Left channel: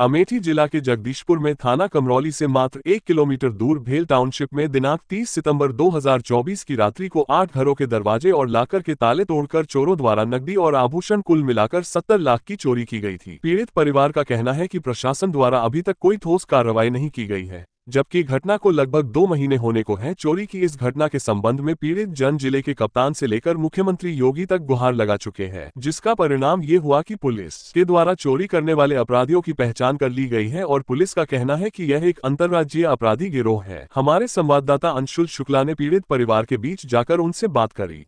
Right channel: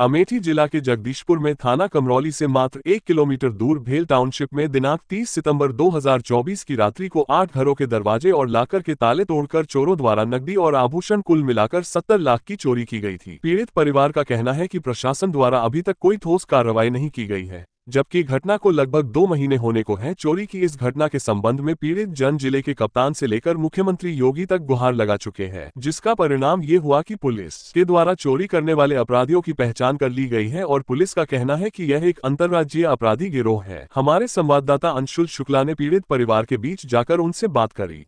अमेठी जिला के जगदीशपुर में थाना कमरौली से मात्र 1 किलोमीटर दूर भेल टाउनशिप में दिनांक 30 सितंबर 2024 की रात्रि को 8 घरों के दरवाजे और लाकर के ताले तोड़कर चोरों द्वारा नकदी और आभूषण कुल मिलाकर 70 लाख की चोरी की गई थी। पीड़ित परिवार का कहना है कि प्रशासन द्वारा अभी तक कोई ठोस कार्रवाई नहीं की गई है, जबकि घटना को लगभग 2 महीने होने को है। चोरी की इस घटना के संबंध में पीड़ित जन जिले के कप्तान से लेकर मुख्यमंत्री योगी तक गुहार लगा चुके हैं, जिसका परिणाम ये हुआ कि पुलिस के द्वारा चोरी करने वाले अपराधियों की पहचान कर ली गई है और पुलिस का कहना है कि यह एक अंतर्राज्यीय अपराधी गिरोह है। हमारे संवाददाता अंशुल शुक्ला ने पीड़ित परिवार के बीच जाकर उनसे बात करी।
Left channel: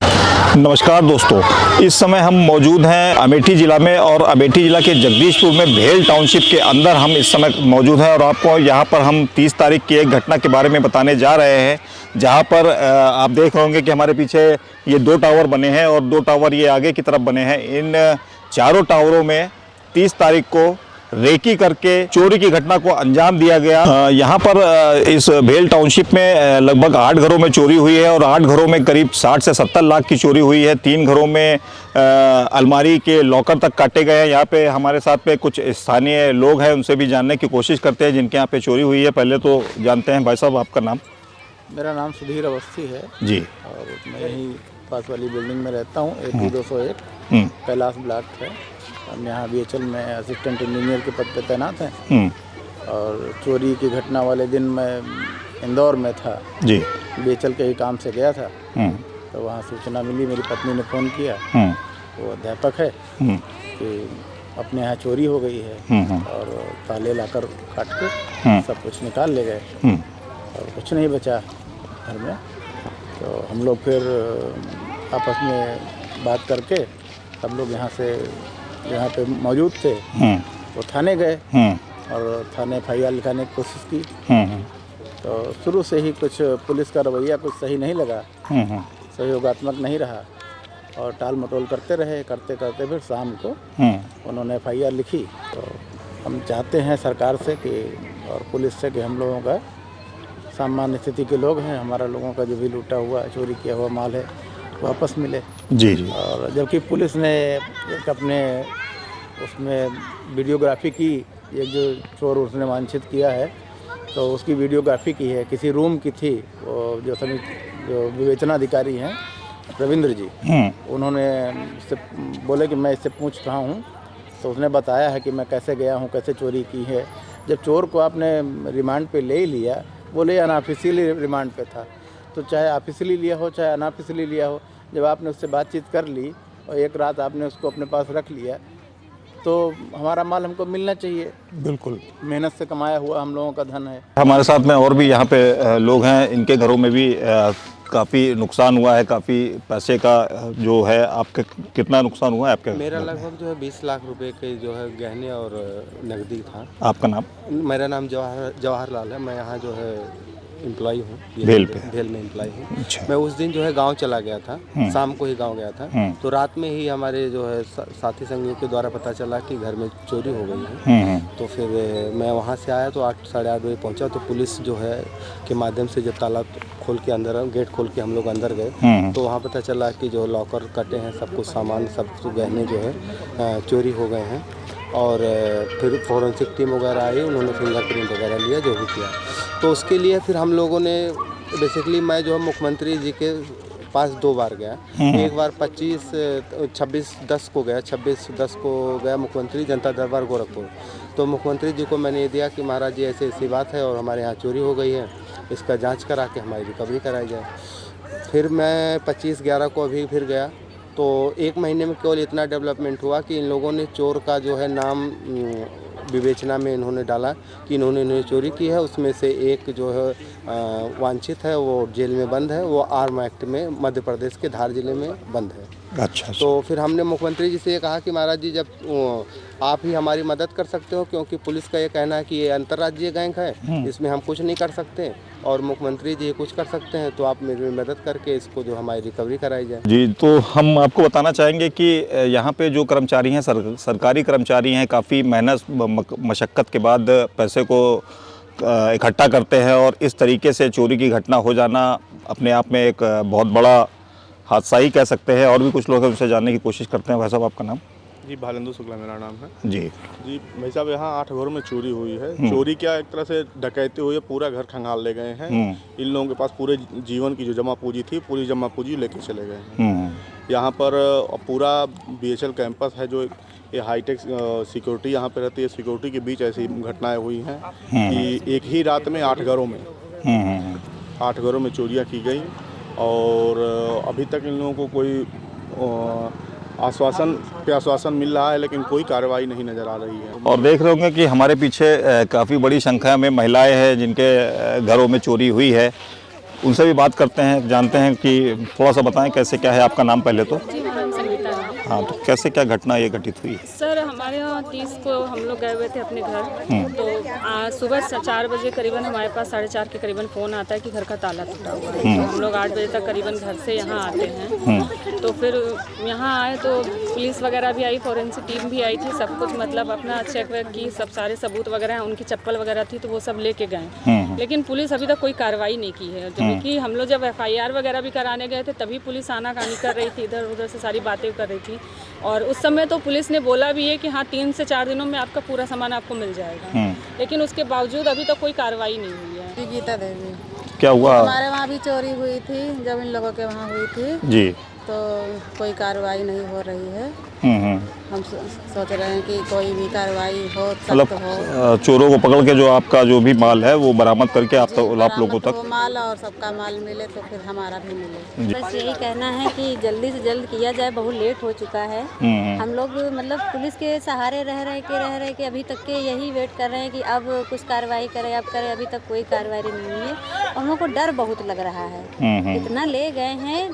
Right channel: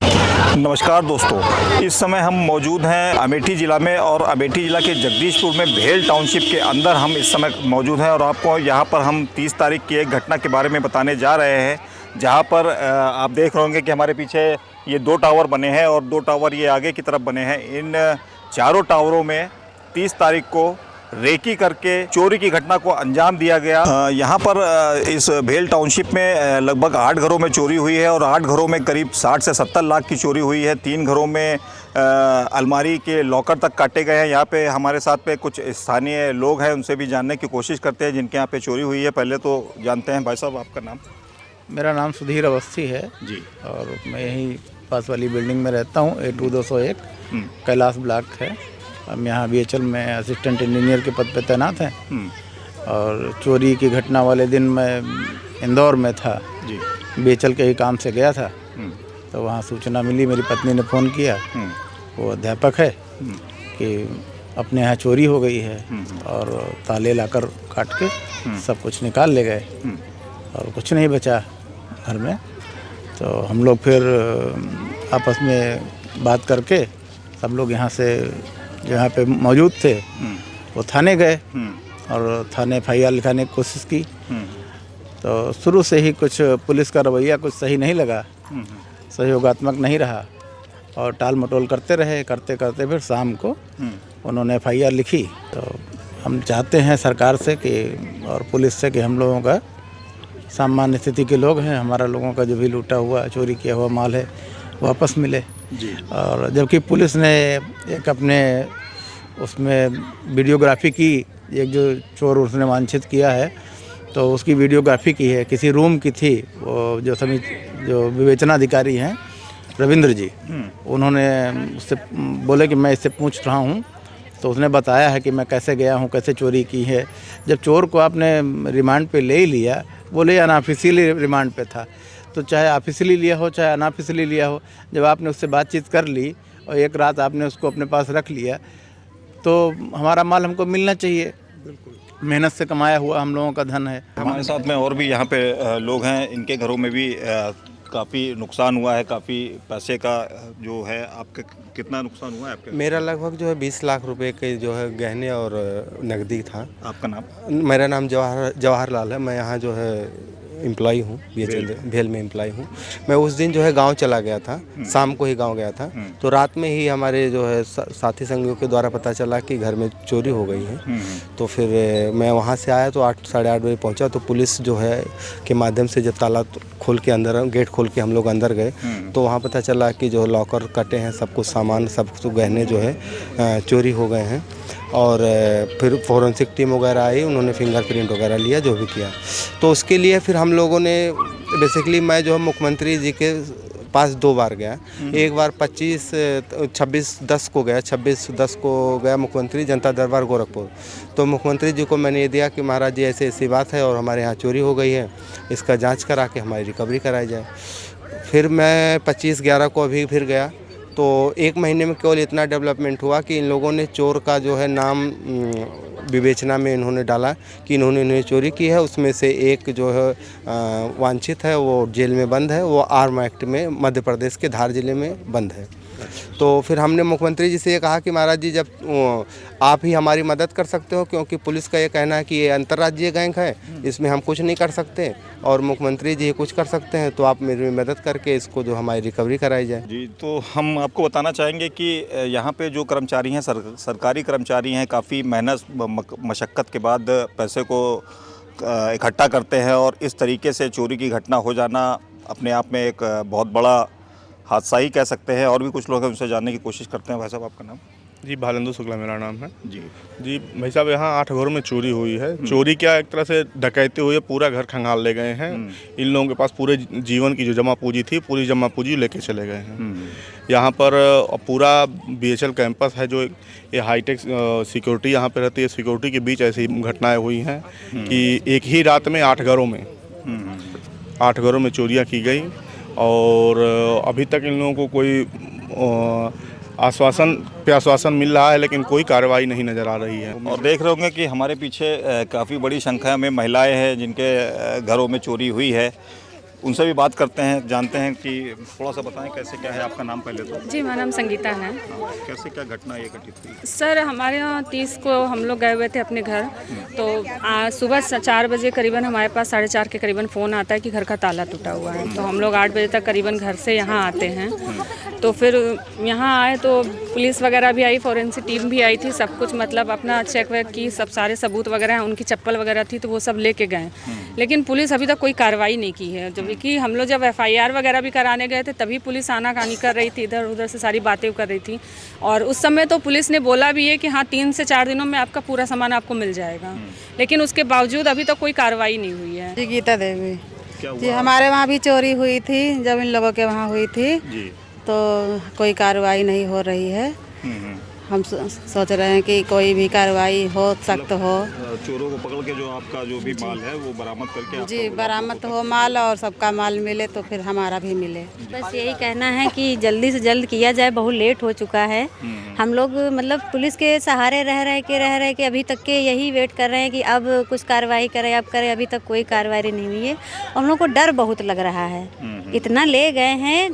नमस्कार दोस्तों, इस समय हम मौजूद हैं अमेठी जिला में और अमेठी जिला के जगदीशपुर में भेल टाउनशिप के अंदर हम इस समय मौजूद हैं और आपको यहाँ पर हम 30 तारीख की एक घटना के बारे में बताने जा रहे हैं, जहाँ पर आप देख रहे होंगे कि हमारे पीछे ये 2 टावर बने हैं और 2 टावर ये आगे की तरफ बने हैं। इन चारों टावरों में 30 तारीख को रेकी करके चोरी की घटना को अंजाम दिया गया। यहाँ पर इस भेल टाउनशिप में लगभग 8 घरों में चोरी हुई है और 8 घरों में करीब 60 से 70 लाख की चोरी हुई है। 3 घरों में अलमारी के लॉकर तक काटे गए हैं। यहाँ पे हमारे साथ पे कुछ स्थानीय लोग हैं, उनसे भी जानने की कोशिश करते हैं जिनके यहाँ पे चोरी हुई है। पहले तो जानते हैं, भाई साहब आपका नाम? मेरा नाम सुधीर अवस्थी है जी, और मैं यहीं पास वाली बिल्डिंग में रहता हूँ। 8201 कैलाश ब्लॉक है। हम यहाँ BHL में असिस्टेंट इंजीनियर के पद पे तैनात हैं। और चोरी की घटना वाले दिन मैं इंदौर में था जी, BHL के ही काम से गया था। तो वहाँ सूचना मिली, मेरी पत्नी ने फ़ोन किया, वो अध्यापक है, कि अपने यहाँ चोरी हो गई है और ताले लाकर काट के सब कुछ निकाल ले गए और कुछ नहीं बचा घर में। तो हम लोग फिर आपस में बात करके सब लोग यहाँ पे मौजूद थे, वो थाने गए और थाने FIR लिखाने की कोशिश की। तो शुरू से ही कुछ पुलिस का रवैया कुछ सही नहीं लगा, सहयोगात्मक नहीं रहा और टाल मटोल करते रहे। करते करते फिर शाम को उन्होंने FIR लिखी। तो हम चाहते हैं सरकार से कि और पुलिस से कि हम लोगों का सामान्य स्थिति के लोग हैं, हमारा लोगों का जो भी लूटा हुआ चोरी किया हुआ माल है वापस मिले जी। और जबकि पुलिस ने एक अपने उसमें वीडियोग्राफी की, एक जो चोर उसने वांछित किया है तो उसकी वीडियोग्राफी की है, किसी रूम की थी। वो जो विवेचनाधिकारी हैं रविंद्र जी, उन्होंने उससे बोले कि मैं इससे पूछ रहा हूँ, तो उसने बताया है कि मैं कैसे गया हूँ, कैसे चोरी की है। जब चोर को आपने रिमांड पे ले लिया, वो ले अनऑफिशियली रिमांड पे था, तो चाहे ऑफिशियली लिया हो चाहे अनऑफिशियली लिया हो, जब आपने उससे बातचीत कर ली और एक रात आपने उसको अपने पास रख लिया, तो हमारा माल हमको मिलना चाहिए। बिल्कुल, मेहनत से कमाया हुआ हम लोगों का धन है। हमारे साथ में और भी यहाँ पे लोग हैं, इनके घरों में भी काफ़ी नुकसान हुआ है, काफ़ी पैसे का जो है। आपके कितना नुकसान हुआ है आपके? मेरा लगभग जो है 20 लाख रुपए के जो है गहने और नकदी था। आपका नाम? मेरा नाम जवाहरलाल है। मैं यहाँ जो है एम्प्लॉई हूँ, भेल में एम्प्लॉई हूँ। अच्छा। मैं उस दिन जो है गांव चला गया था, शाम को ही गांव गया था। तो रात में ही हमारे जो है साथी संगियों के द्वारा पता चला कि घर में चोरी हो गई है। तो फिर मैं वहाँ से आया तो 8 साढ़े 8 बजे पहुँचा। तो पुलिस जो है के माध्यम से जब ताला खोल के अंदर, गेट खोल के हम लोग अंदर गए तो वहाँ पता चला कि जो लॉकर कटे हैं, सब कुछ सामान, सब कुछ गहने जो है चोरी हो गए हैं। और फिर फॉरेंसिक टीम वगैरह आई, उन्होंने फिंगरप्रिंट वगैरह लिया, जो भी किया। तो उसके लिए फिर हम लोगों ने बेसिकली, मैं जो है मुख्यमंत्री जी के पास 2 बार गया। एक बार 26/10 को गया, 26/10 को गया मुख्यमंत्री जनता दरबार गोरखपुर। तो मुख्यमंत्री जी को मैंने ये दिया कि महाराज जी ऐसी ऐसी बात है और हमारे यहाँ चोरी हो गई है, इसका जाँच करा के हमारी रिकवरी कराई जाए। फिर मैं 25/11 को अभी फिर गया। तो 1 महीने में केवल इतना डेवलपमेंट हुआ कि इन लोगों ने चोर का जो है नाम विवेचना में इन्होंने डाला कि इन्होंने चोरी की है। उसमें से एक जो है वांछित है, वो जेल में बंद है, वो आर्म एक्ट में मध्य प्रदेश के धार जिले में बंद है। अच्छा। तो फिर हमने मुख्यमंत्री जी से ये कहा कि महाराज जी, जब आप ही हमारी मदद कर सकते हो, क्योंकि पुलिस का ये कहना है कि ये अंतर्राज्यीय गैंग है, इसमें हम कुछ नहीं कर सकते और मुख्यमंत्री जी कुछ कर सकते हैं, तो आप मेरी मदद करके इसको जो हमारी रिकवरी कराई जाए। जी, तो हम आपको बताना चाहेंगे कि यहाँ पे जो कर्मचारी हैं, सरकारी कर्मचारी हैं, काफ़ी मेहनत मशक्क़त के बाद पैसे को इकट्ठा करते हैं और इस तरीके से चोरी की घटना हो जाना अपने आप में एक बहुत बड़ा हादसा ही कह सकते हैं। और भी कुछ लोग हैं, उनसे जानने की कोशिश करते हैं। भाई साहब, आपका नाम? जी भालेंदु शुक्ला मेरा नाम है। जी जी भाई साहब, यहाँ 8 घरों में चोरी हुई है। चोरी क्या, एक तरह से डकैती हुई है, पूरा घर खंगाल ले गए हैं। इन लोगों के पास पूरे जीवन की जो जमा पूंजी थी, पूरी जमा पूंजी लेके चले गए हैं। यहाँ पर पूरा BHL कैंपस है, जो ये हाईटेक सिक्योरिटी यहाँ पे रहती है, सिक्योरिटी के बीच ऐसी घटनाएं हुई हैं कि एक ही रात में 8 घरों में 8 घरों में चोरियाँ की गई। और अभी तक इन लोगों को कोई आश्वासन मिल रहा है, लेकिन कोई कार्रवाई नहीं नज़र आ रही है। और देख रहे होंगे कि हमारे पीछे काफ़ी बड़ी संख्या में महिलाएं हैं जिनके घरों में चोरी हुई है। उनसे भी बात करते हैं, जानते हैं कि थोड़ा सा बताएं कैसे क्या है। आपका नाम पहले तो? जी, मेरा नाम संगीता है। हाँ, तो कैसे क्या घटना ये घटित हुई? सर, हमारे यहाँ 30 को हम लोग गए हुए थे अपने घर। तो आज सुबह 4 बजे करीबन हमारे पास 4:30 के करीबन फ़ोन आता है कि घर का ताला टूटा हुआ है। तो हम लोग 8 बजे तक करीबन घर से यहाँ आते हैं। तो फिर यहाँ आए तो पुलिस वगैरह भी आई, फॉरेंसिक टीम भी आई थी, सब कुछ मतलब अपना चेक वेक की, सब सारे सबूत वगैरह हैं, उनकी चप्पल वगैरह थी तो वो सब लेके गए। लेकिन पुलिस अभी तक कोई कार्रवाई नहीं की है। जबकि हम लोग जब FIR वगैरह भी कराने गए थे तभी पुलिस आनाकानी कर रही थी, इधर उधर से सारी बातें कर रही थी। और उस समय तो पुलिस ने बोला भी है कि हाँ 3 से 4 दिनों में आपका पूरा सामान आपको मिल जाएगा। लेकिन उसके बावजूद अभी तक कोई कार्रवाई नहीं हुई है। जी, गीता देवी। क्या हुआ? हमारे वहाँ भी चोरी हुई थी जब इन लोगों के वहाँ हुई थी जी। तो कोई कार्रवाई नहीं हो रही है। हम सोच रहे हैं कि कोई भी कार्रवाई हो, सख्त हो। चोरों को पकड़ के जो आपका जो भी माल है वो बरामद करके आप लोगों बरामद तक हो माल, और सबका माल मिले तो फिर हमारा भी मिले। बस यही कहना है कि जल्दी से जल्द किया जाए, बहुत लेट हो चुका है। हम लोग मतलब पुलिस के सहारे रह रहे के अभी तक के यही वेट कर रहे हैं कि अब कुछ कार्रवाई करे, अब करे। अभी तक कोई कार्रवाई नहीं हुई है। हम लोग को डर बहुत लग रहा है। इतना ले गए हैं,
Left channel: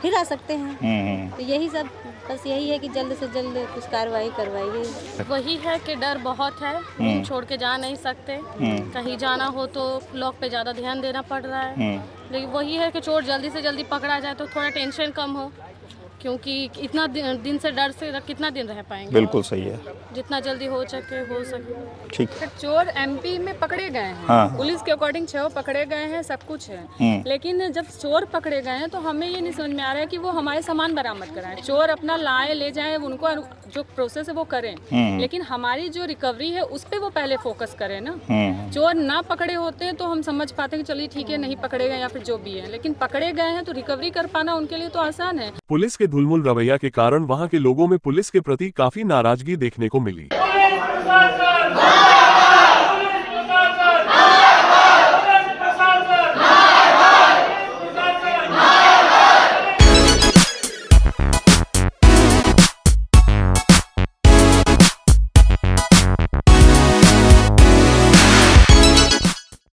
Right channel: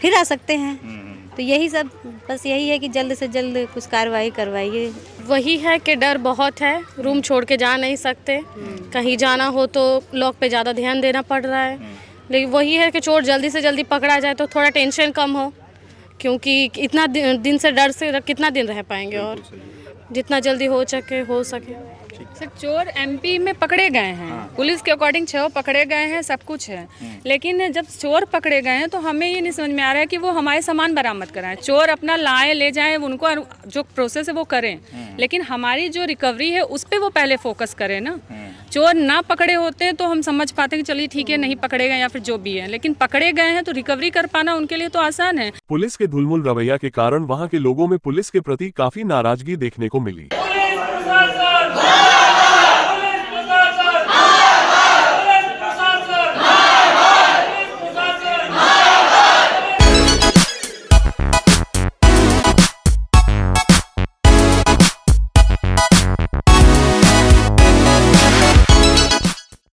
फिर आ सकते हैं। तो यही सब, बस यही है कि जल्द से जल्द कुछ कार्रवाई करवाइए। वही है कि डर बहुत है, रूम छोड़ के जा नहीं सकते। कहीं जाना हो तो लॉक पे ज़्यादा ध्यान देना पड़ रहा है। लेकिन वही है कि चोर जल्दी से जल्दी पकड़ा जाए तो थोड़ा टेंशन कम हो, क्योंकि इतना दिन से डर से कितना दिन रह पाएंगे। बिल्कुल सही है, जितना जल्दी हो सके। ठीक। चोर MP में पकड़े गए हैं। हाँ। पुलिस के अकॉर्डिंग 6 पकड़े गए हैं, सब कुछ है। लेकिन जब चोर पकड़े गए हैं तो हमें ये नहीं समझ में आ रहा है कि वो हमारे सामान बरामद कराएं। चोर अपना लाए ले जाएं, उनको जो प्रोसेस है वो करें। लेकिन हमारी जो रिकवरी है उस पर वो पहले फोकस करें ना। चोर ना पकड़े होते हैं तो हम समझ पाते हैं कि चलिए ठीक है, नहीं पकड़े गए या फिर जो भी है। लेकिन पकड़े गए हैं तो रिकवरी कर पाना उनके लिए तो आसान है। पुलिस के धुलमुल रवैया के कारण वहां के लोगों में पुलिस के प्रति काफी नाराजगी देखने को मिली।